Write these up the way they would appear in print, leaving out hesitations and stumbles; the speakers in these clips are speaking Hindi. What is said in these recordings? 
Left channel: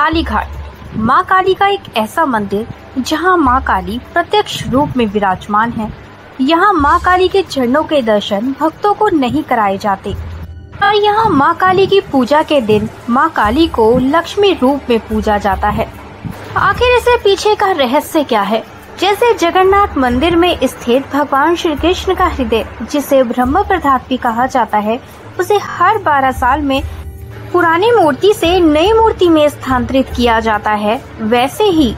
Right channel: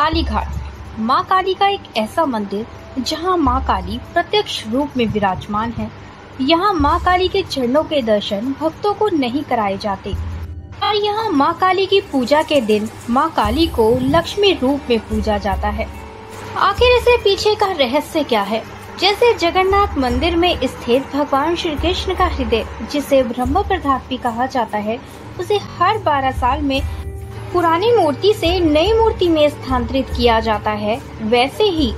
काली घाट माँ काली का एक ऐसा मंदिर जहाँ माँ काली प्रत्यक्ष रूप में विराजमान है। यहाँ माँ काली के चरणों के दर्शन भक्तों को नहीं कराए जाते और यहाँ माँ काली की पूजा के दिन माँ काली को लक्ष्मी रूप में पूजा जाता है। आखिर इसे पीछे का रहस्य क्या है? जैसे जगन्नाथ मंदिर में स्थित भगवान श्री कृष्ण का हृदय, जिसे ब्रह्म प्रधात भी कहा जाता है, उसे हर 12 साल में पुरानी मूर्ति से नई मूर्ति में स्थानांतरित किया जाता है, वैसे ही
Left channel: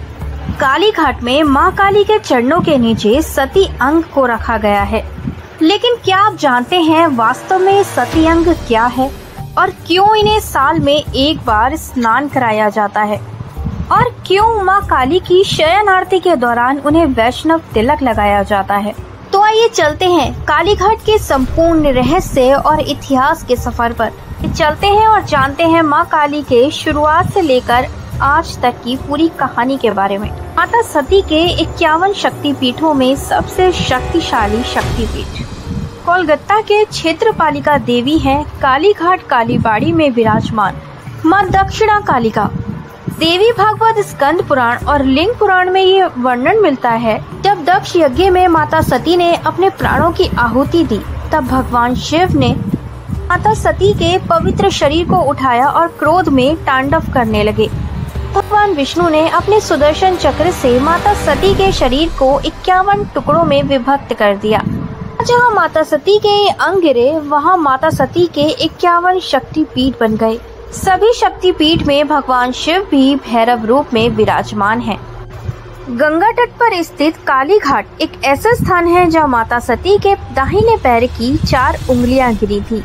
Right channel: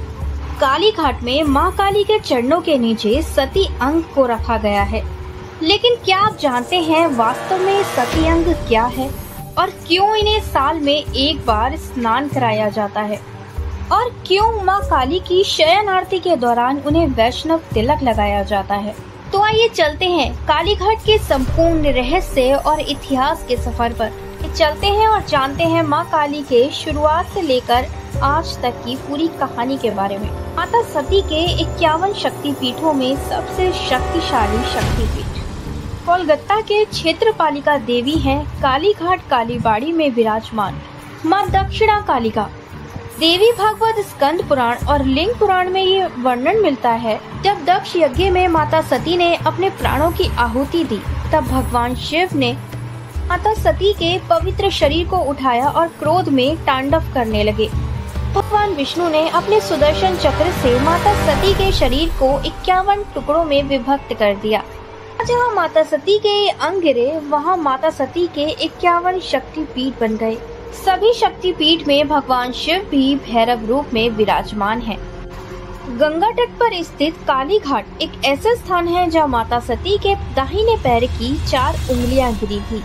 काली घाट में माँ काली के चरणों के नीचे सती अंग को रखा गया है। लेकिन क्या आप जानते हैं वास्तव में सती अंग क्या है और क्यों इन्हें साल में एक बार स्नान कराया जाता है और क्यों माँ काली की शयन आरती के दौरान उन्हें वैष्णव तिलक लगाया जाता है? तो आइए चलते हैं काली घाट के संपूर्ण रहस्य और इतिहास के सफर पर। चलते हैं और जानते हैं माँ काली के शुरुआत से लेकर आज तक की पूरी कहानी के बारे में। माता सती के 51 शक्तिपीठों में सबसे शक्तिशाली शक्तिपीठ कोलकाता के क्षेत्रपालिका देवी हैं काली घाट कालीबाड़ी में विराजमान माँ दक्षिणा कालिका देवी। भागवत स्कंद पुराण और लिंग पुराण में ये वर्णन मिलता है, जब दक्ष यज्ञ में माता सती ने अपने प्राणों की आहुति दी, तब भगवान शिव ने माता सती के पवित्र शरीर को उठाया और क्रोध में तांडव करने लगे। भगवान विष्णु ने अपने सुदर्शन चक्र से माता सती के शरीर को 51 टुकड़ों में विभक्त कर दिया। जहाँ माता सती के अंग गिरे, वहाँ माता सती के 51 शक्तिपीठ बन गए। सभी शक्तिपीठ में भगवान शिव भी भैरव रूप में विराजमान हैं। गंगा तट पर स्थित काली घाट एक ऐसा स्थान है जहाँ माता सती के दाहिने पैर की 4 उंगलियां गिरी थी।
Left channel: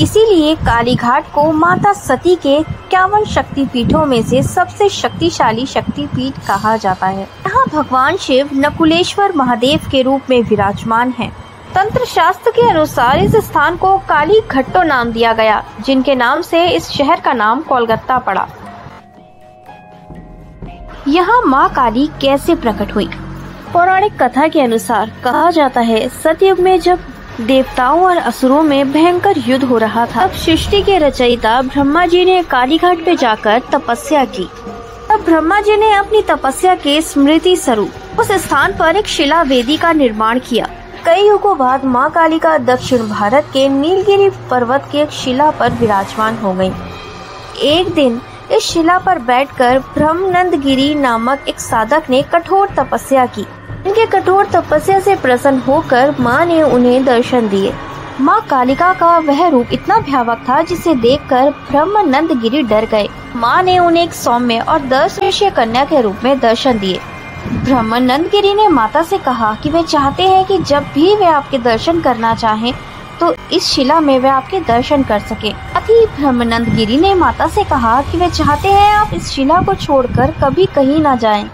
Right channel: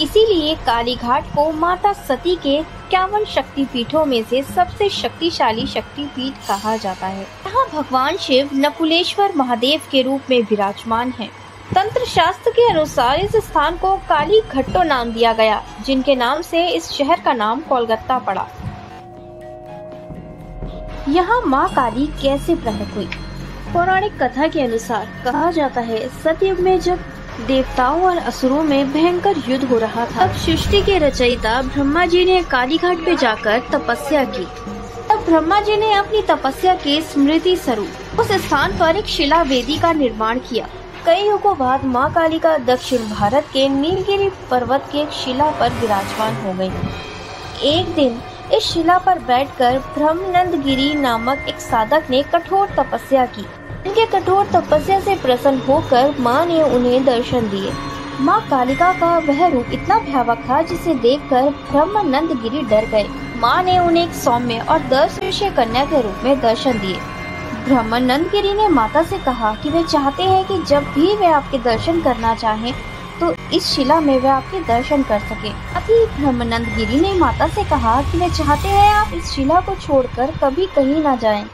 इसीलिए काली घाट को माता सती के 51 शक्तिपीठों में से सबसे शक्तिशाली शक्तिपीठ कहा जाता है। यहाँ भगवान शिव नकुलेश्वर महादेव के रूप में विराजमान हैं। तंत्र शास्त्र के अनुसार इस स्थान को काली घट्टो नाम दिया गया, जिनके नाम से इस शहर का नाम कोलकाता पड़ा। यहाँ माँ काली कैसे प्रकट हुई? पौराणिक कथा के अनुसार कहा जाता है, सतयुग में जब देवताओं और असुरों में भयंकर युद्ध हो रहा था, तब सृष्टि के रचयिता ब्रह्मा जी ने काली घाट पे जाकर तपस्या की। तब ब्रह्मा जी ने अपनी तपस्या के स्मृति स्वरूप उस स्थान पर एक शिला वेदी का निर्माण किया। कई युगों बाद माँ काली का दक्षिण भारत के नीलगिरी पर्वत की एक शिला पर विराजमान हो गयी। एक दिन इस शिला पर बैठकर ब्रह्मनंद गिरी नामक एक साधक ने कठोर तपस्या की। इनके कठोर तपस्या से प्रसन्न होकर माँ ने उन्हें दर्शन दिए। माँ कालिका का वह रूप इतना भयावह था, जिसे देखकर ब्रह्मनंद गिरी डर गए। माँ ने उन्हें एक सौम्य और 10 वर्षीय कन्या के रूप में दर्शन दिए। ब्रह्मनंद गिरी ने माता से कहा कि वे चाहते हैं कि जब भी वे आपके दर्शन करना चाहें, तो इस शिला में वे आपके दर्शन कर सके। अभी ब्रह्मनंद गिरी ने माता से कहा कि वे चाहते हैं आप इस शिला को छोड़कर कभी कहीं न जाएं।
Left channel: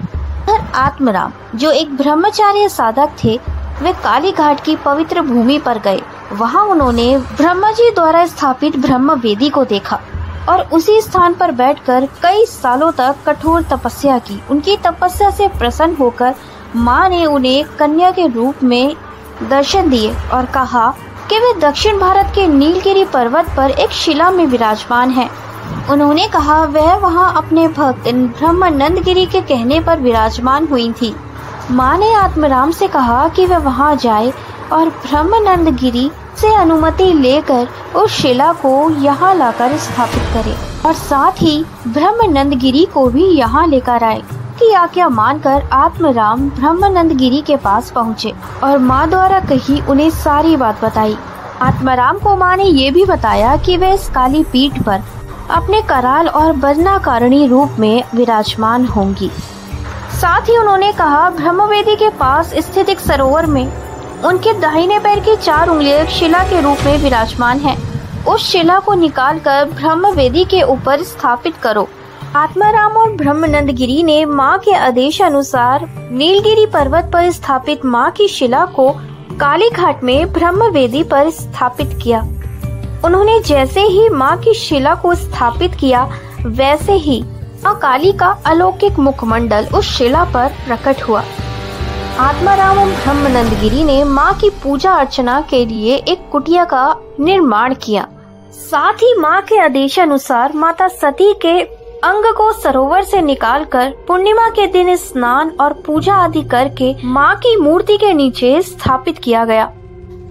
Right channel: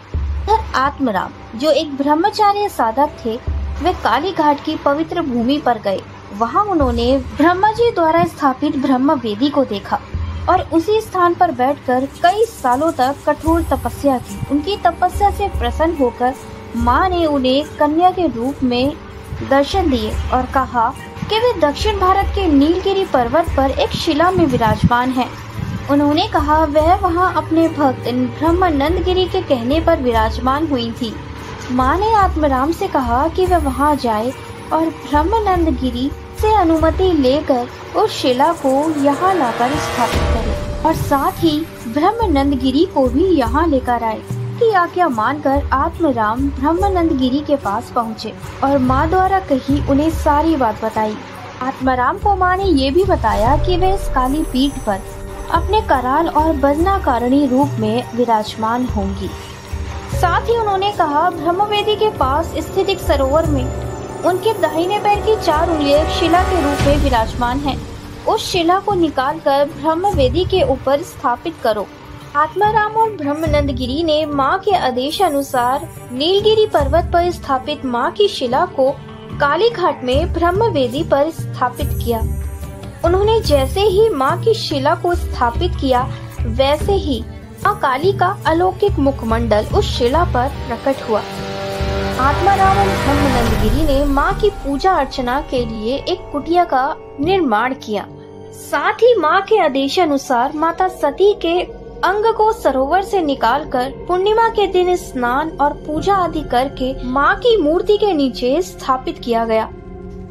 आत्मराम, जो एक ब्रह्मचार्य साधक थे, वे काली घाट की पवित्र भूमि पर गए। वहां उन्होंने ब्रह्मा जी द्वारा स्थापित ब्रह्म वेदी को देखा और उसी स्थान पर बैठकर कई सालों तक कठोर तपस्या की। उनकी तपस्या से प्रसन्न होकर माँ ने उन्हें कन्या के रूप में दर्शन दिए और कहा कि वे दक्षिण भारत के नीलगिरी पर्वत पर एक शिला में विराजमान है। उन्होंने कहा वह वहां अपने भक्त ब्रह्मनंद गिरी के कहने पर विराजमान हुई थी। माँ ने आत्मराम से कहा कि वह वहां जाए और ब्रह्मनंद गिरी से अनुमति लेकर उस शिला को यहाँ लाकर स्थापित करे और साथ ही ब्रह्मनंद गिरी को भी यहाँ लेकर आए। की आज्ञा मानकर आत्मराम ब्रह्मनंद गिरी के पास पहुँचे और माँ द्वारा कही उन्हें सारी बात बताई। आत्माराम को माँ ने ये भी बताया कि वे इस काली पीठ पर अपने कराल और बदनाकारणी रूप में विराजमान होंगी। साथ ही उन्होंने कहा ब्रह्मवेदी के पास स्थित एक सरोवर में उनके दाहिने पैर की 4 उंगलियां शिला के रूप में विराजमान हैं। उस शिला को निकालकर ब्रह्मवेदी के ऊपर स्थापित करो। आत्माराम और ब्रह्मनंद गिरी ने माँ के आदेश अनुसार नीलगिरी पर्वत पर स्थापित माँ की शिला को काली घाट में ब्रह्मवेदी पर स्थापित किया। उन्होंने जैसे ही माँ की शिला को स्थापित किया, वैसे ही माँ काली का अलौकिक मुखमंडल उस शिला पर प्रकट हुआ। आत्माराम और ब्रह्मनंद गिरी ने माँ की पूजा अर्चना के लिए एक कुटिया का निर्माण किया। साथ ही माँ के आदेशानुसार माता सती के अंग को सरोवर से निकालकर पूर्णिमा के दिन स्नान और पूजा आदि करके माँ की मूर्ति के नीचे स्थापित किया गया।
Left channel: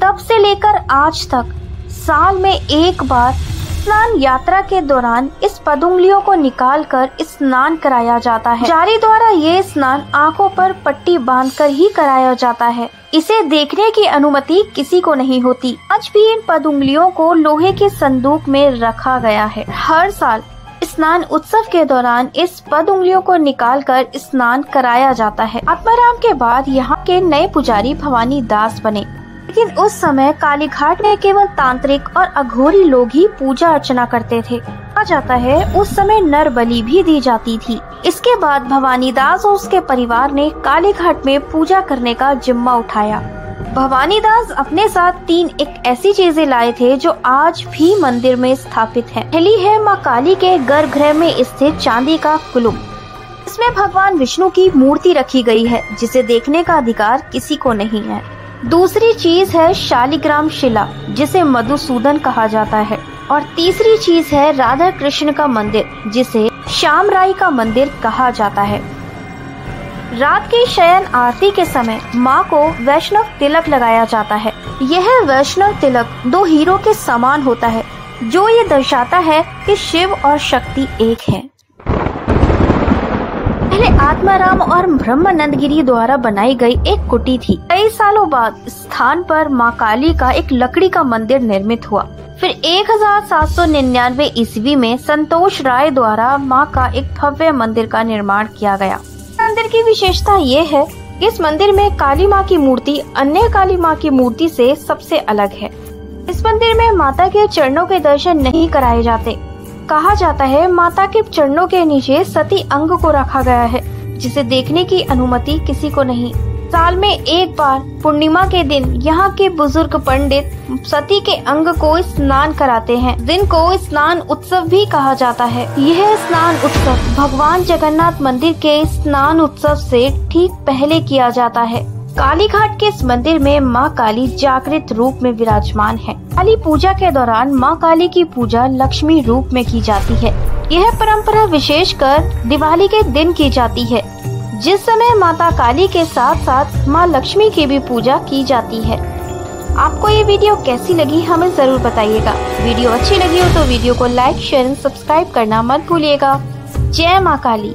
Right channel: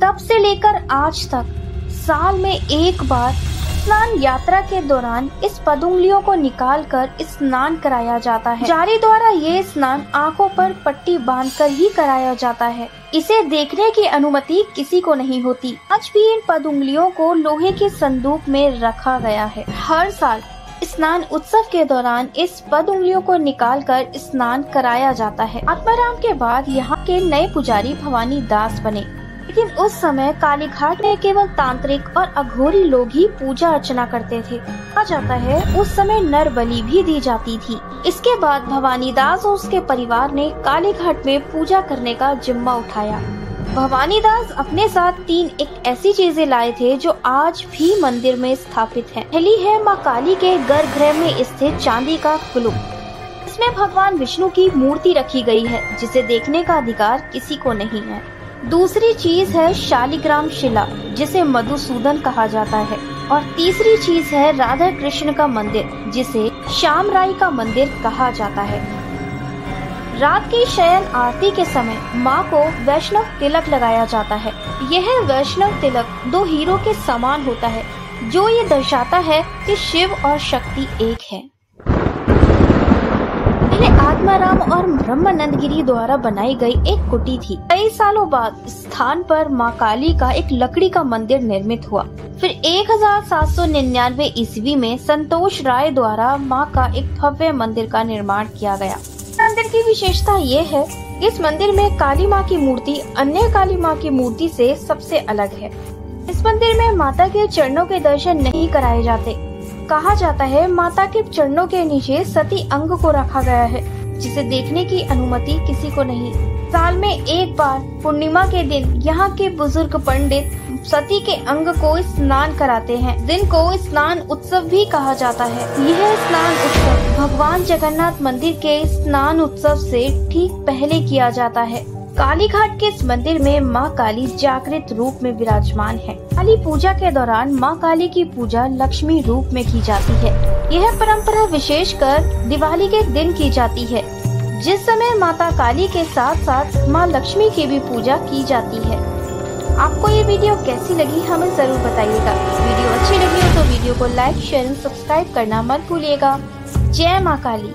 तब से लेकर आज तक साल में एक बार स्नान यात्रा के दौरान इस पदुंगलियों को निकालकर स्नान कराया जाता है। पुजारी द्वारा ये स्नान आंखों पर पट्टी बांधकर ही कराया जाता है। इसे देखने की अनुमति किसी को नहीं होती। आज भी इन पदुंगलियों को लोहे के संदूक में रखा गया है। हर साल स्नान उत्सव के दौरान इस पदुंगलियों को निकालकर स्नान कराया जाता है। आत्माराम के बाद यहाँ के नए पुजारी भवानी दास बने, लेकिन उस समय काली घाट में केवल तांत्रिक और अघोरी लोग ही पूजा अर्चना करते थे। कहा जाता है उस समय नर बलि भी दी जाती थी। इसके बाद भवानी दास और उसके परिवार ने काली घाट में पूजा करने का जिम्मा उठाया। भवानी दास अपने साथ 3 एक ऐसी चीजें लाए थे जो आज भी मंदिर में स्थापित है। पहली है माँ काली के गर्भगृह में स्थित चांदी का कुलुम। इसमें भगवान विष्णु की मूर्ति रखी गई है, जिसे देखने का अधिकार किसी को नहीं है। दूसरी चीज है शालिग्राम शिला, जिसे मधुसूदन कहा जाता है। और तीसरी चीज है राधा कृष्ण का मंदिर, जिसे श्यामराई का मंदिर कहा जाता है। रात की शयन आरती के समय माँ को वैष्णव तिलक लगाया जाता है। यह वैष्णव तिलक 2 हीरो के समान होता है, जो ये दर्शाता है कि शिव और शक्ति एक है। पहले आत्माराम और ब्रह्मानंद गिरी द्वारा बनाई गई एक कुटी थी। कई सालों बाद स्थान पर माँ काली का एक लकड़ी का मंदिर निर्मित हुआ। फिर 1799 ईस्वी में संतोष राय द्वारा माँ का एक भव्य मंदिर का निर्माण किया गया। मंदिर की विशेषता ये है कि इस मंदिर में काली माँ की मूर्ति अन्य काली माँ की मूर्ति से सबसे अलग है। इस मंदिर में माता के चरणों के दर्शन नहीं कराए जाते। कहा जाता है माता के चरणों के नीचे सती अंग को रखा गया है, जिसे देखने की अनुमति किसी को नहीं। साल में एक बार पूर्णिमा के दिन यहाँ के बुजुर्ग पंडित सती के अंग को स्नान कराते हैं। दिन को स्नान उत्सव भी कहा जाता है। यह स्नान उत्सव भगवान जगन्नाथ मंदिर के स्नान उत्सव से ठीक पहले किया जाता है। काली घाट के इस मंदिर में माँ काली जागृत रूप में विराजमान है। काली पूजा के दौरान माँ काली की पूजा लक्ष्मी रूप में की जाती है। यह परंपरा विशेषकर दिवाली के दिन की जाती है, जिस समय माता काली के साथ साथ माँ लक्ष्मी की भी पूजा की जाती है। आपको ये वीडियो कैसी लगी हमें जरूर बताइएगा। वीडियो अच्छी लगी हो तो वीडियो को लाइक, शेयर, सब्सक्राइब करना मत भूलिएगा। जय माँ काली।